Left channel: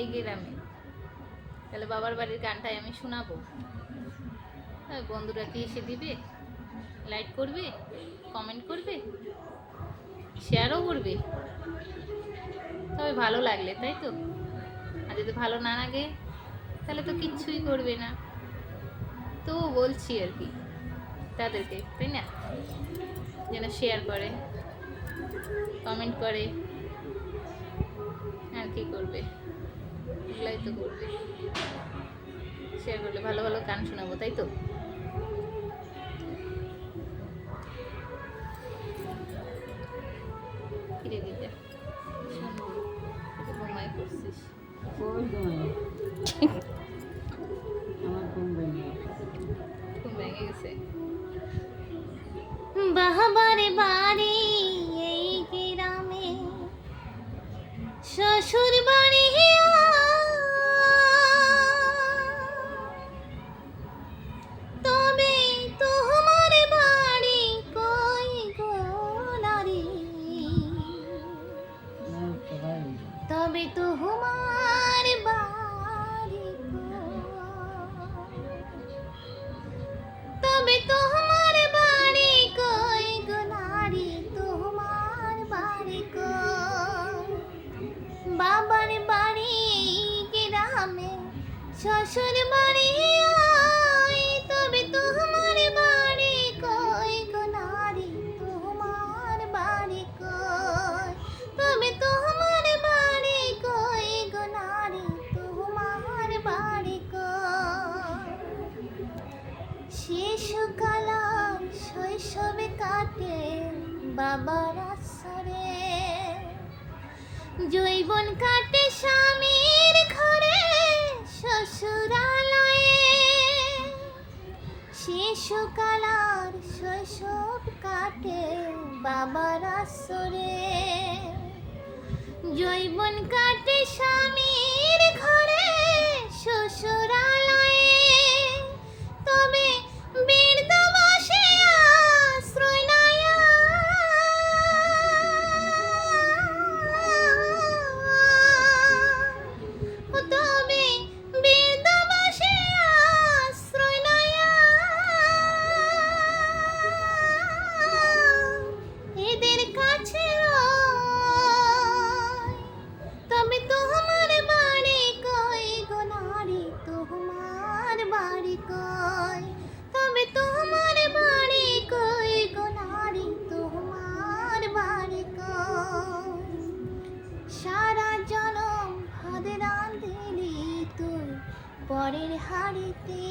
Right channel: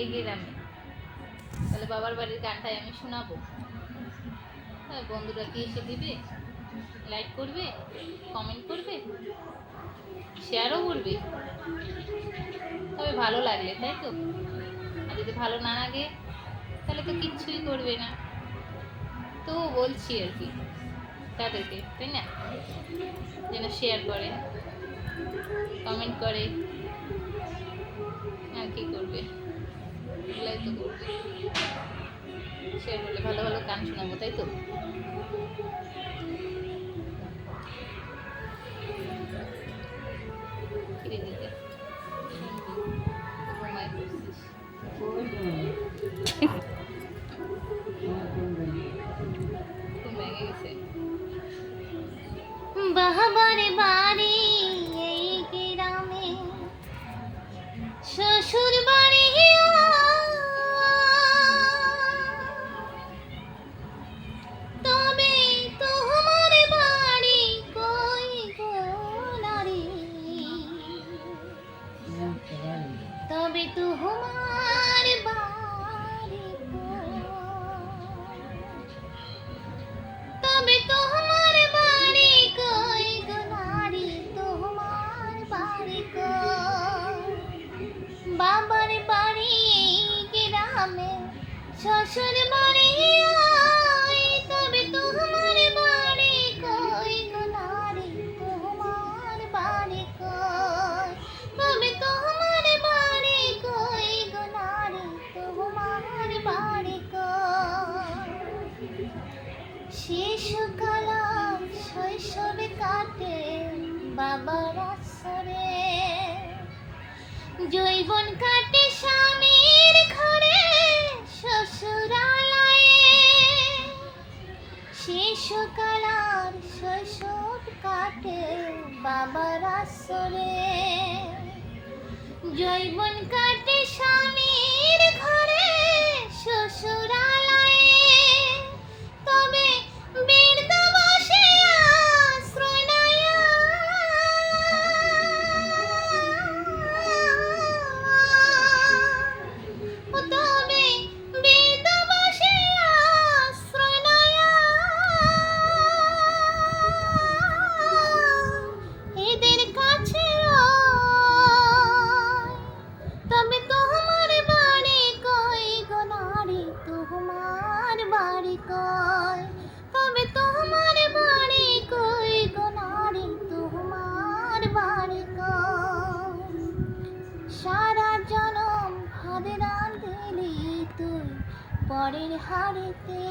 এই গ্রামে, তাহলে বাবার বাড়ির গানটাই আমি শোনাবো। বন্ধুরা কি এসে দিবে, লাইক করবে, কমেন্ট করবে, শেয়ারও করবে, তবে ভালো লাগলে, তাই তো? আর যদি ভালো না লাগে তাহলে তো কিচ্ছুই করবে না। তো বলছি আর কি তাদেরকে, তাই না, যেন শেয়ার করে, কমেন্ট করে, আর কি করবে, এগুলাই তো করবে। শেয়ার করলে ভালো ভালো গান শোনাবো, তাই তো? ফিরে দিতে ঘুমায় পড়ছিস। ঘুম ভেঙে গেছে। বাহাবারে বাড়ি এই গ্রামে, শ্বশুর বাড়ি তবে তোমার বাড়ি কই গো নারী, তবে তোমার বাড়ি তবে তোমার বাড়ি কই গো নারী, তোমার বাড়ি কই? বাবার বাড়ি গ্রামে, শ্বশুর বাড়ি আই, তবে তোমার বাড়ি কই গো নারী, তোমার বাড়ি কই? তবে তোমার বাড়ি কই গো নারী, তোমার বাড়ি কই? শিশুকাল শৈশবে কাটে বাবার আশ্রয়ে, যৌবন কাটে স্বামীর ঘরে শ্বশুরালয়ে। শিশুকাল শৈশব কাটে বাবার আশ্রয়ে, যৌবন কাটে স্বামীর ঘরে শ্বশুরালয়ে। তবে বৃদ্ধ বসে আশ্রয় নেয়া, তবে বৃদ্ধ বসে আশ্রয় নেয়া, এদের কাছে তবে তোমার বাড়ি কই গো নারী, তোমার বাড়ি কই? তবে তোমার বাড়ি কই গো নারী, তোমার বাড়ি কই? সারা জনম ভাত রাঁধলি তুই পরের হাড়িতে,